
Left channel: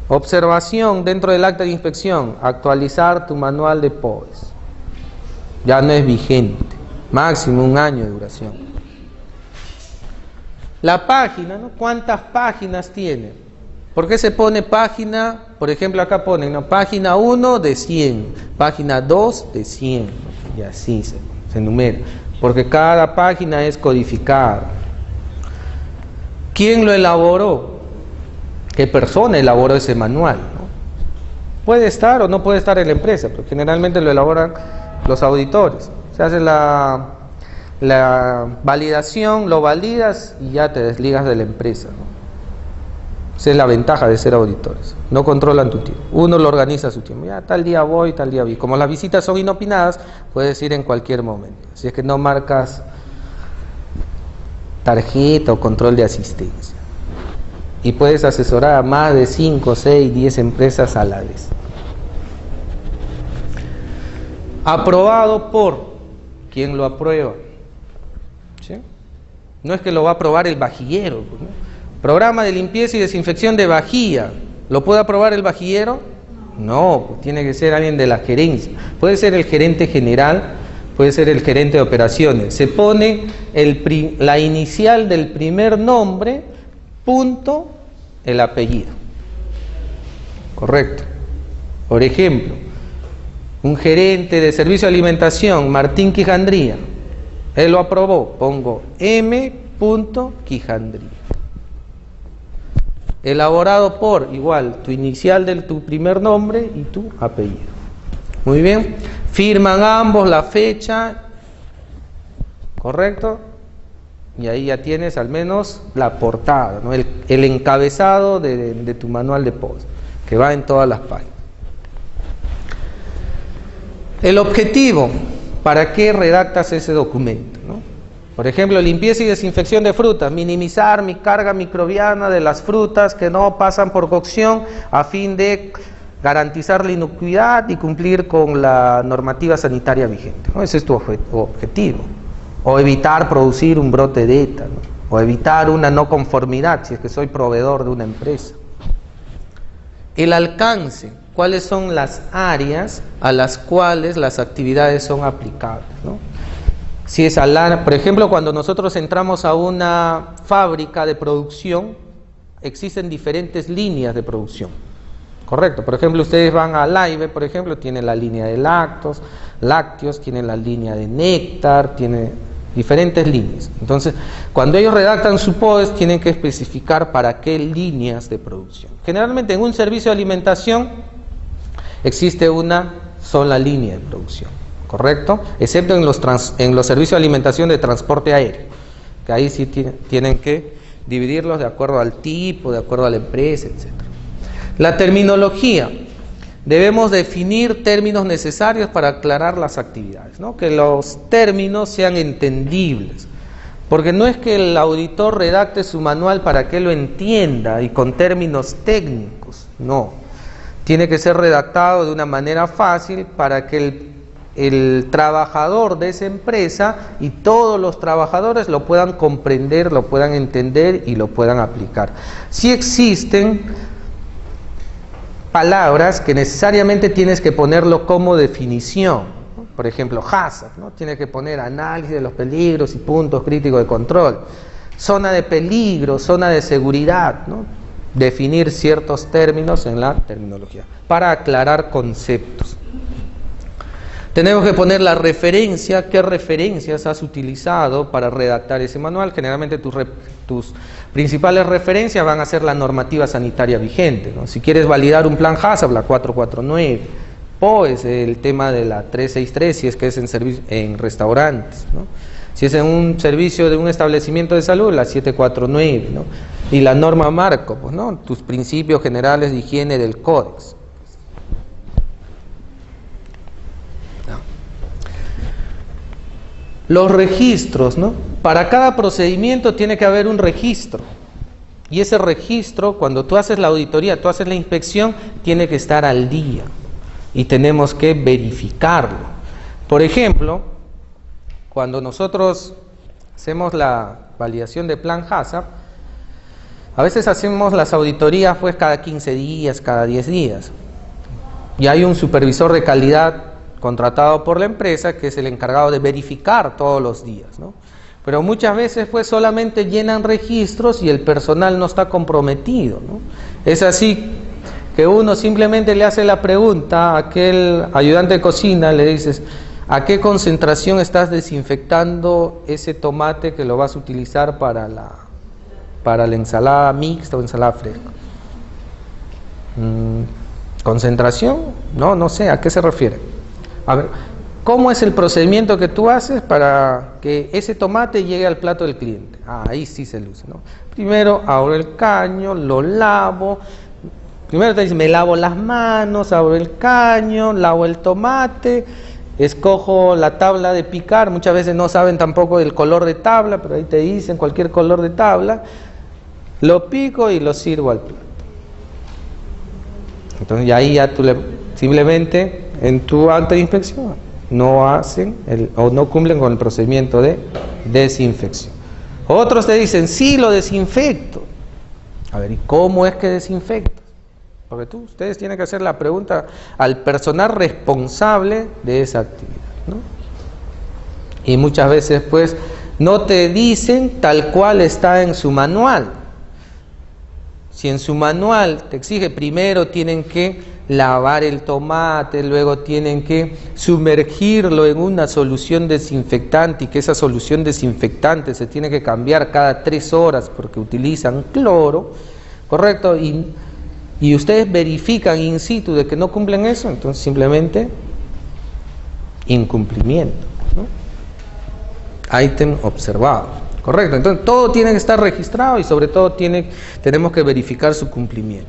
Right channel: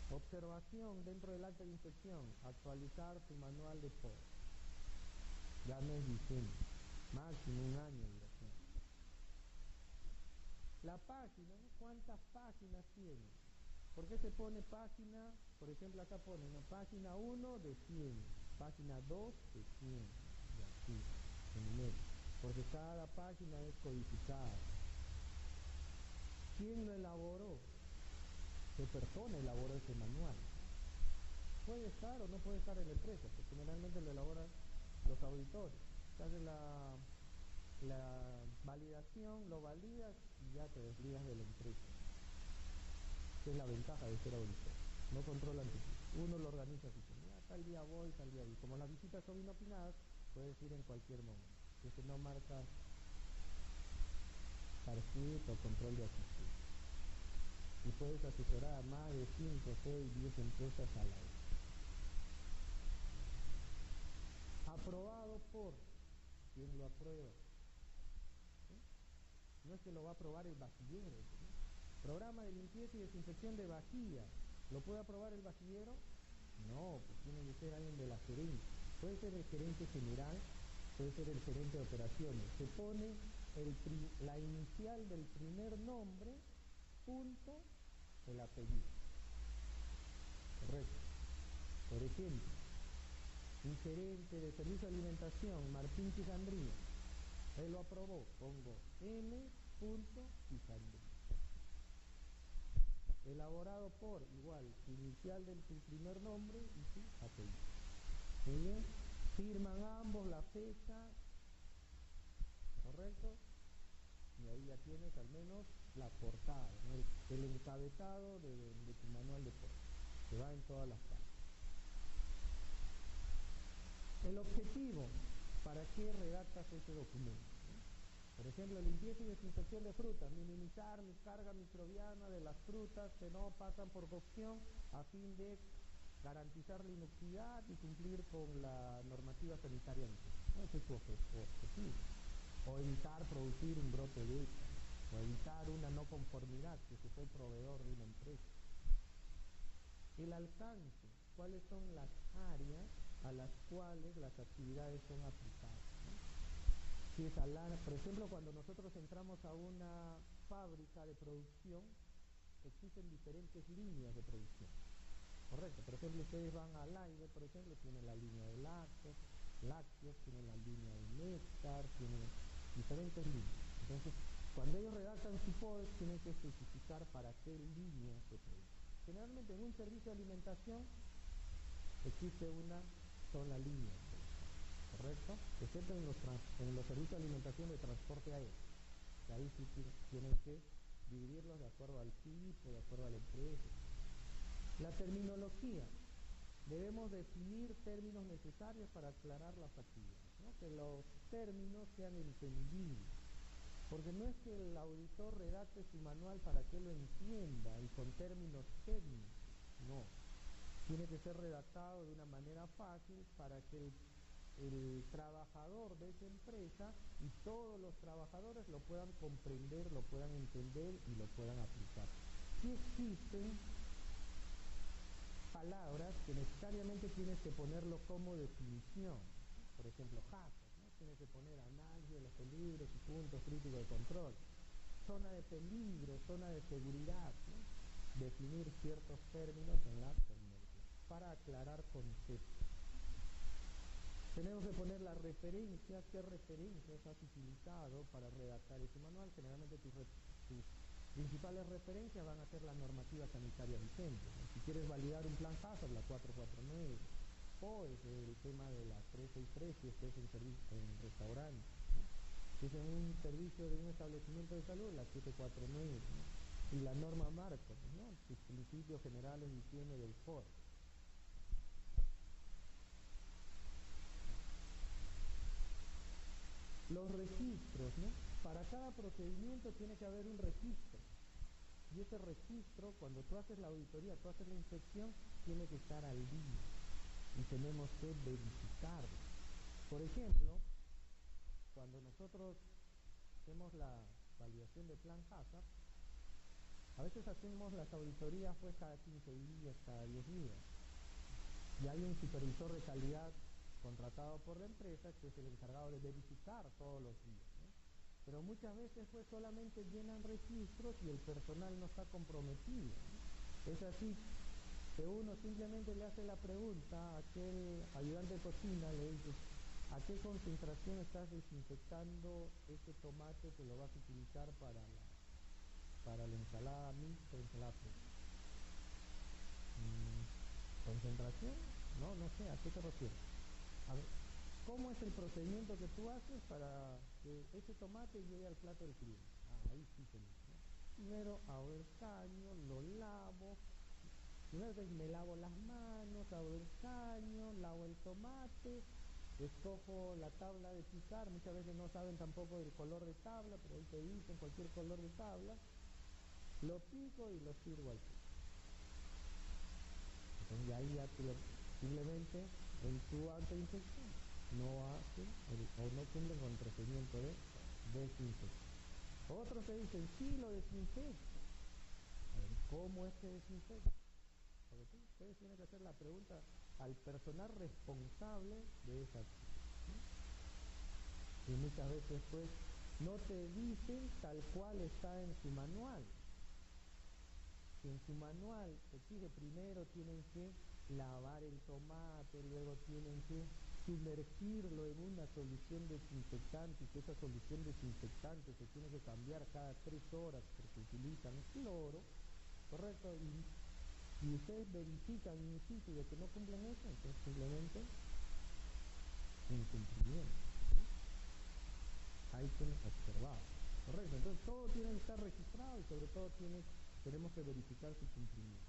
Observación dentro del acta de inspección, actualizar tu manual de POES. Ya no es vigente, máximo 1 año de duración. La página, ¿no? ¿Cuántas páginas tiene? ¿Por qué se pone página? Por ejemplo, acá ponen, ¿no? Página 1 de 100, página 2 de 100, y así se enumera, porque cada página es codificada. ¿Quién lo elaboró? ¿Qué persona elaboró ese manual, ¿no? Puede estar o no puede estar en la empresa, pero generalmente lo elaboran los auditores. Se hace la validación, lo validas y ya te desligas de la empresa, ¿no? Esa es la ventaja de ser auditores. No controlan tu tiempo. Uno lo organiza su tiempo. Ya tal día voy, tal día voy. Como las visitas son inopinadas, puedes ir en cualquier momento. Así es que no marcas tarjeta o control de asistencia. Y puedes asesorar a más de 5, 6, 10 empresas a la vez. Aprobado por quien lo aprueba. ¿Sí? No es que lo va a aprobar el vajillero, ¿no? Programa de limpieza y desinfección de vajilla. ¿Lo puede aprobar el vajillero? No, pues tiene que ser alguien de la gerencia. Puede ser el gerente general, puede ser el gerente de operaciones. Se pone la inicial del primer nombre, punto, el apellido. Correcto. Por ejemplo, un gerente de servicio de alimentación, Martín Quijandría. Él lo aprobó, pongo M. Quijandría. Elaborado por, igual, tu inicial de tu primer nombre y tu apellido. Muy bien. Firman ambos la fecha, ¿correcto? Y ahí ya tienes al menos la portada, ¿no? El encabezado de tu manual de post, que va en todas las páginas. El objetivo, ¿para qué redactas ese documento, ¿no? Por ejemplo, limpieza y desinfección de frutas, minimizar mi carga microbiana de las frutas que no pasan por cocción a fin de garantizar la inocuidad y cumplir con la normativa sanitaria vigente, ¿no? Ese es tu objetivo. O evitar producir un brote de ETA, ¿no? O evitar una no conformidad si es que soy proveedor de una empresa. El alcance, cuáles son las áreas a las cuales las actividades son aplicables, ¿no? Si es por ejemplo, cuando nosotros entramos a una fábrica de producción, existen diferentes líneas de producción, correcto. Por ejemplo, ustedes van a Laibe, por ejemplo, tienen la línea de lácteos, tienen la línea de néctar, tiene diferentes líneas. Entonces, cuando ellos redactan su POES, tienen que especificar para qué líneas de producción. Generalmente en un servicio de alimentación existe una sola línea de producción, ¿correcto? Excepto en los servicios de alimentación de transporte aéreo, que ahí sí tienen que dividirlos de acuerdo al tipo, de acuerdo a la empresa, etc. La terminología. Debemos definir términos necesarios para aclarar las actividades, ¿no? Que los términos sean entendibles, porque no es que el auditor redacte su manual para que lo entienda y con términos técnicos, no. Tiene que ser redactado de una manera fácil para que el trabajador de esa empresa y todos los trabajadores lo puedan comprender, lo puedan entender y lo puedan aplicar. Si existen palabras que necesariamente tienes que ponerlo como definición, ¿no? Por ejemplo, HACCP, ¿no? Tienes que poner análisis de los peligros y puntos críticos de control, zona de peligro, zona de seguridad, ¿no? Definir ciertos términos en la terminología para aclarar conceptos. Tenemos que poner la referencia, qué referencias has utilizado para redactar ese manual. Generalmente tus principales referencias van a ser la normativa sanitaria vigente, ¿no? Si quieres validar un plan HACCP, la 449, POES, el tema de la 363, si es que es en restaurantes, ¿no? Si es en un servicio de un establecimiento de salud, la 749, ¿no? Y la norma marco, pues, ¿no? Tus principios generales de higiene del códex. Los registros, ¿no? Para cada procedimiento tiene que haber un registro. Y ese registro, cuando tú haces la auditoría, tú haces la inspección, tiene que estar al día. Y tenemos que verificarlo. Por ejemplo, cuando nosotros hacemos la validación de plan HACCP, a veces hacemos las auditorías pues cada 15 días, cada 10 días. Y hay un supervisor de calidad contratado por la empresa, que es el encargado de verificar todos los días, ¿no? Pero muchas veces pues solamente llenan registros y el personal no está comprometido, ¿no? Es así que uno simplemente le hace la pregunta a aquel ayudante de cocina, le dices, ¿a qué concentración estás desinfectando ese tomate que lo vas a utilizar para la ensalada mixta o ensalada fresca? ¿Concentración? No sé, ¿a qué se refiere? A ver, ¿cómo es el procedimiento que tú haces para que ese tomate llegue al plato del cliente? Ahí sí se luce, ¿no? Primero abro el caño, lo lavo. Primero te dicen, me lavo las manos, abro el caño, lavo el tomate, escojo la tabla de picar. Muchas veces no saben tampoco el color de tabla, pero ahí te dicen cualquier color de tabla. Lo pico y lo sirvo al plato. Entonces y ahí ya tú simplemente en tu acta de inspección no hacen o no cumplen con el procedimiento de desinfección. Otros te dicen, sí, lo desinfecto. A ver, ¿y cómo es que desinfectas? Porque ustedes tienen que hacer la pregunta al personal responsable de esa actividad, ¿no? Y muchas veces pues no te dicen tal cual está en su manual. Si en su manual te exige primero tienen que lavar el tomate, luego tienen que sumergirlo en una solución desinfectante y que esa solución desinfectante se tiene que cambiar cada 3 horas porque utilizan cloro, ¿correcto? Y ustedes verifican in situ de que no cumplen eso, entonces simplemente incumplimiento, ¿no? Ítem observado, correcto. Entonces todo tiene que estar registrado y sobre todo tenemos que verificar su cumplimiento.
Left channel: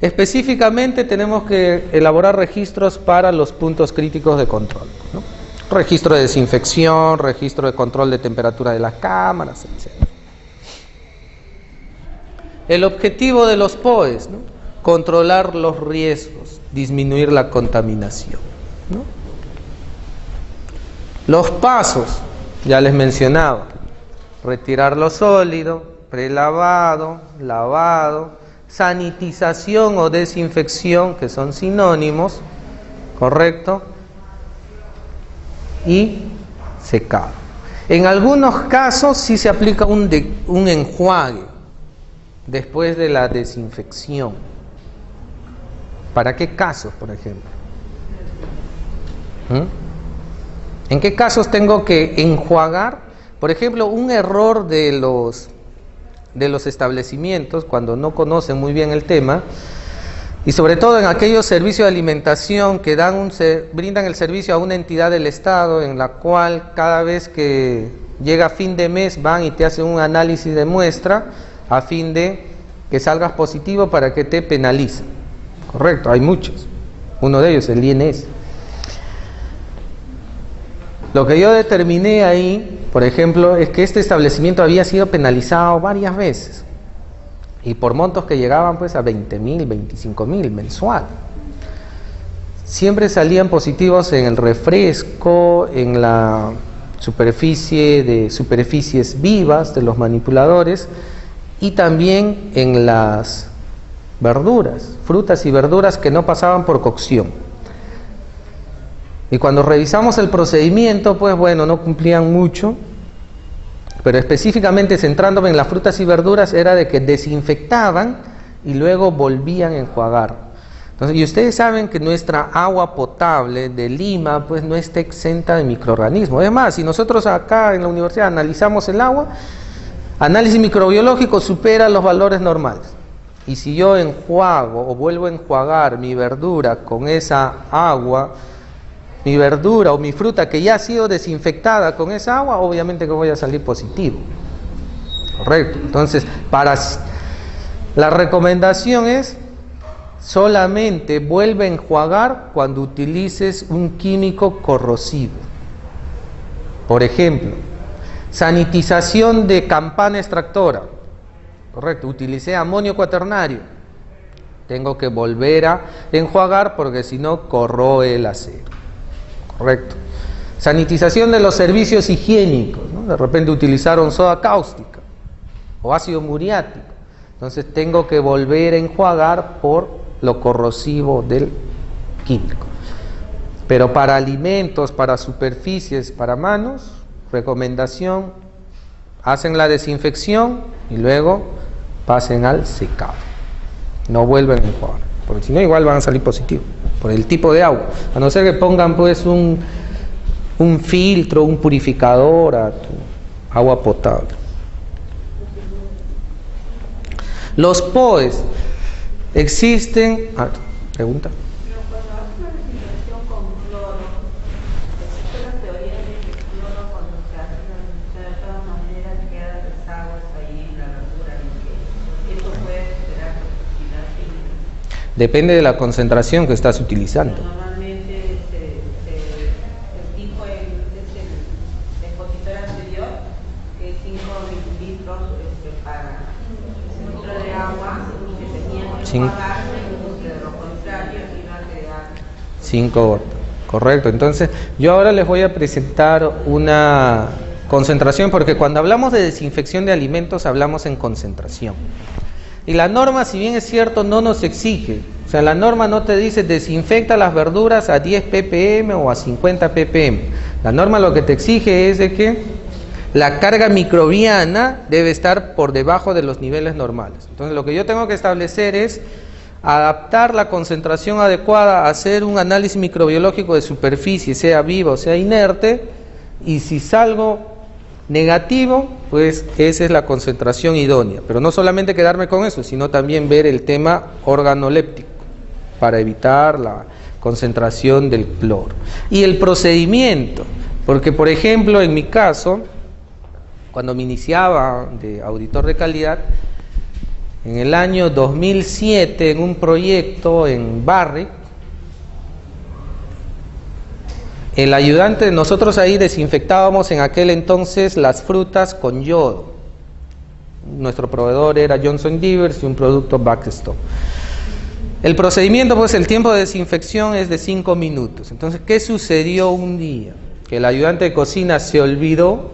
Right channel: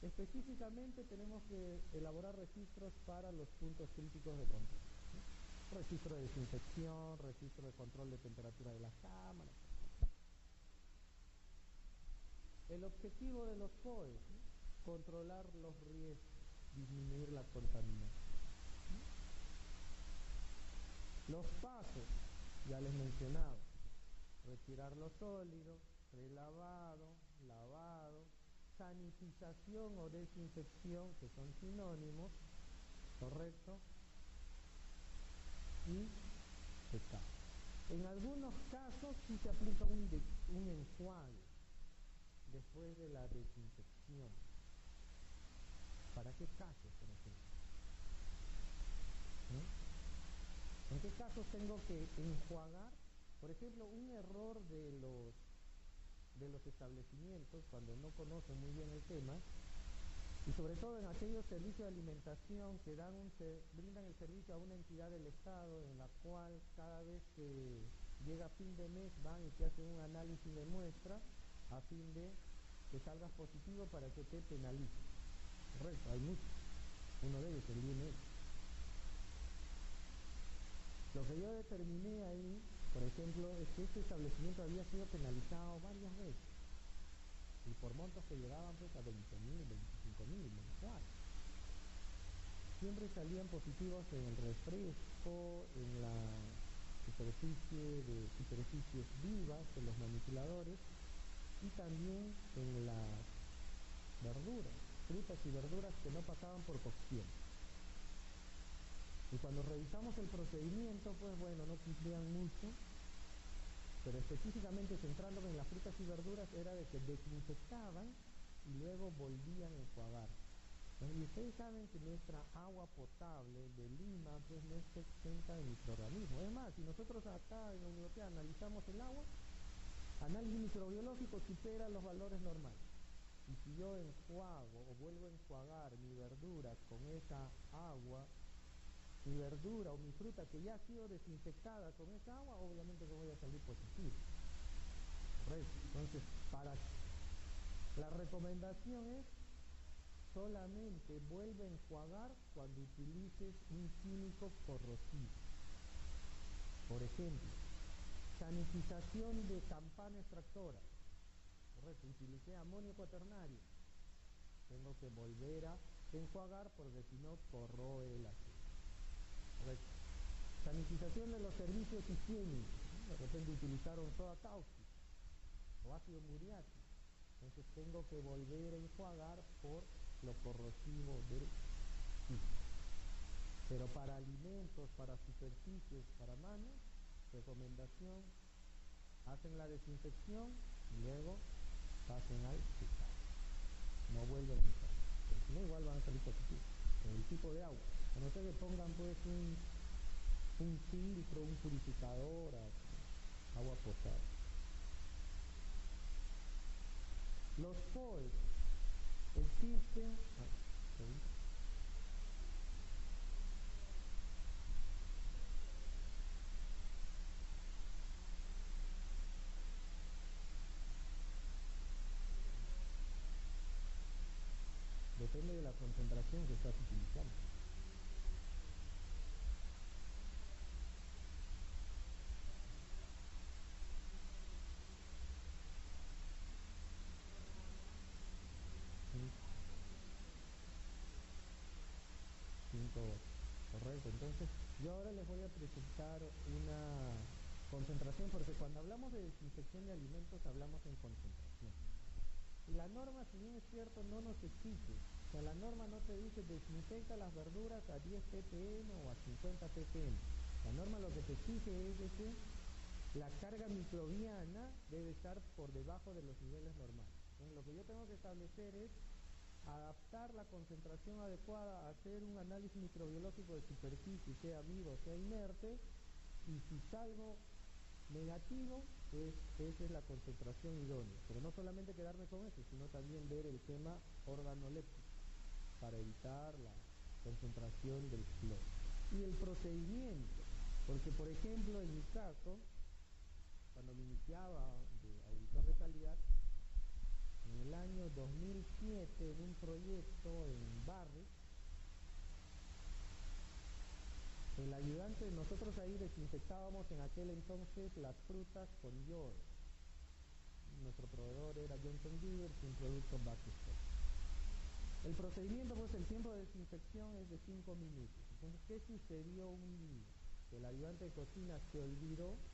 Específicamente tenemos que elaborar registros para los puntos críticos de control, ¿no? Registro de desinfección, registro de control de temperatura de las cámaras, etc. El objetivo de los POEs, ¿no? Controlar los riesgos, disminuir la contaminación, ¿no? Los pasos, ya les mencionaba, retirar lo sólido, prelavado, lavado, sanitización o desinfección, que son sinónimos, ¿correcto? Y secado. En algunos casos sí se aplica un enjuague después de la desinfección. ¿Para qué casos, por ejemplo? ¿En qué casos tengo que enjuagar? Por ejemplo, un error de los establecimientos cuando no conocen muy bien el tema, y sobre todo en aquellos servicios de alimentación que brindan el servicio a una entidad del Estado, en la cual cada vez que llega fin de mes van y te hacen un análisis de muestra a fin de que salgas positivo para que te penalicen. Correcto, hay muchos. Uno de ellos, el INS. Lo que yo determiné ahí, por ejemplo, es que este establecimiento había sido penalizado varias veces y por montos que llegaban pues a 20.000, 25.000 mensual. Siempre salían positivos en el refresco, en la superficies vivas de los manipuladores y también en las verduras, frutas y verduras que no pasaban por cocción. Y cuando revisamos el procedimiento, pues bueno, no cumplían mucho, pero específicamente centrándome en las frutas y verduras era de que desinfectaban y luego volvían a enjuagar. Entonces, y ustedes saben que nuestra agua potable de Lima pues no está exenta de microorganismos. Es más, si nosotros acá en la universidad analizamos el agua, análisis microbiológico supera los valores normales. Y si yo enjuago o vuelvo a enjuagar mi verdura con esa agua, mi verdura o mi fruta que ya ha sido desinfectada con esa agua, obviamente que voy a salir positivo. Correcto. Entonces, la recomendación es solamente vuelve a enjuagar cuando utilices un químico corrosivo. Por ejemplo, sanitización de campana extractora. Correcto, utilicé amonio cuaternario. Tengo que volver a enjuagar porque si no corroe el acero. Correcto. Sanitización de los servicios higiénicos, ¿no? De repente utilizaron soda cáustica o ácido muriático. Entonces tengo que volver a enjuagar por lo corrosivo del químico. Pero para alimentos, para superficies, para manos, recomendación hacen la desinfección y luego pasen al secado. No vuelven a enjuagar, porque si no igual van a salir positivos, por el tipo de agua. A no ser que pongan pues un filtro, un purificador a tu agua potable. Los POEs existen... pregunta. Depende de la concentración que estás utilizando. Normalmente el tipo es el expositor anterior, que es 5 mililitros para el litro de agua, que tenían que enjuagarse, de lo contrario iba a quedar 5 gotas. Correcto. Entonces, yo ahora les voy a presentar una concentración, porque cuando hablamos de desinfección de alimentos hablamos en concentración. Y la norma, si bien es cierto, no nos exige. O sea, la norma no te dice desinfecta las verduras a 10 ppm o a 50 ppm. La norma lo que te exige es de que la carga microbiana debe estar por debajo de los niveles normales. Entonces, lo que yo tengo que establecer es adaptar la concentración adecuada, hacer un análisis microbiológico de superficie, sea viva o sea inerte, y si salgo negativo, pues esa es la concentración idónea. Pero no solamente quedarme con eso, sino también ver el tema organoléptico para evitar la concentración del cloro. Y el procedimiento, porque por ejemplo en mi caso, cuando me iniciaba de auditor de calidad, en el año 2007 en un proyecto en Barrick, el ayudante, nosotros ahí desinfectábamos en aquel entonces las frutas con yodo. Nuestro proveedor era Johnson Givers y un producto Baxstop. El procedimiento, pues el tiempo de desinfección es de 5 minutos. Entonces, ¿qué sucedió un día? Que el ayudante de cocina se olvidó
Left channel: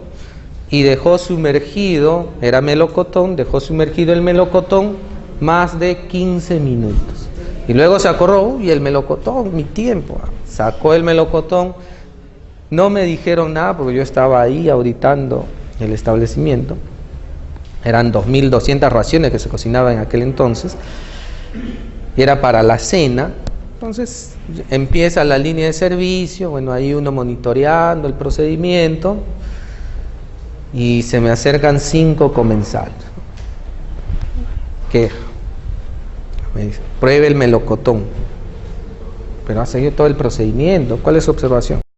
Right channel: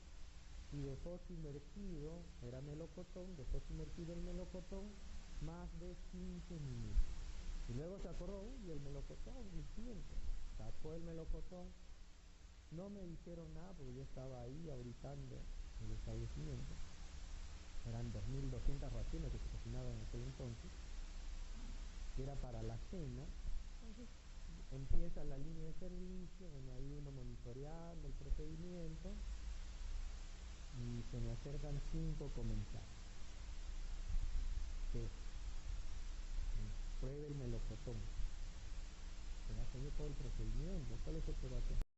y dejó sumergido, era melocotón, dejó sumergido el melocotón más de 15 minutos. Y luego se acordó, y el melocotón, mi tiempo, sacó el melocotón. No me dijeron nada porque yo estaba ahí auditando el establecimiento. Eran 2.200 raciones que se cocinaban en aquel entonces. Y era para la cena. Entonces empieza la línea de servicio, bueno, ahí uno monitoreando el procedimiento. Y se me acercan 5 comensales. ¿Qué? Me dice, pruebe el melocotón. Pero ha seguido todo el procedimiento. ¿Cuál es su observación?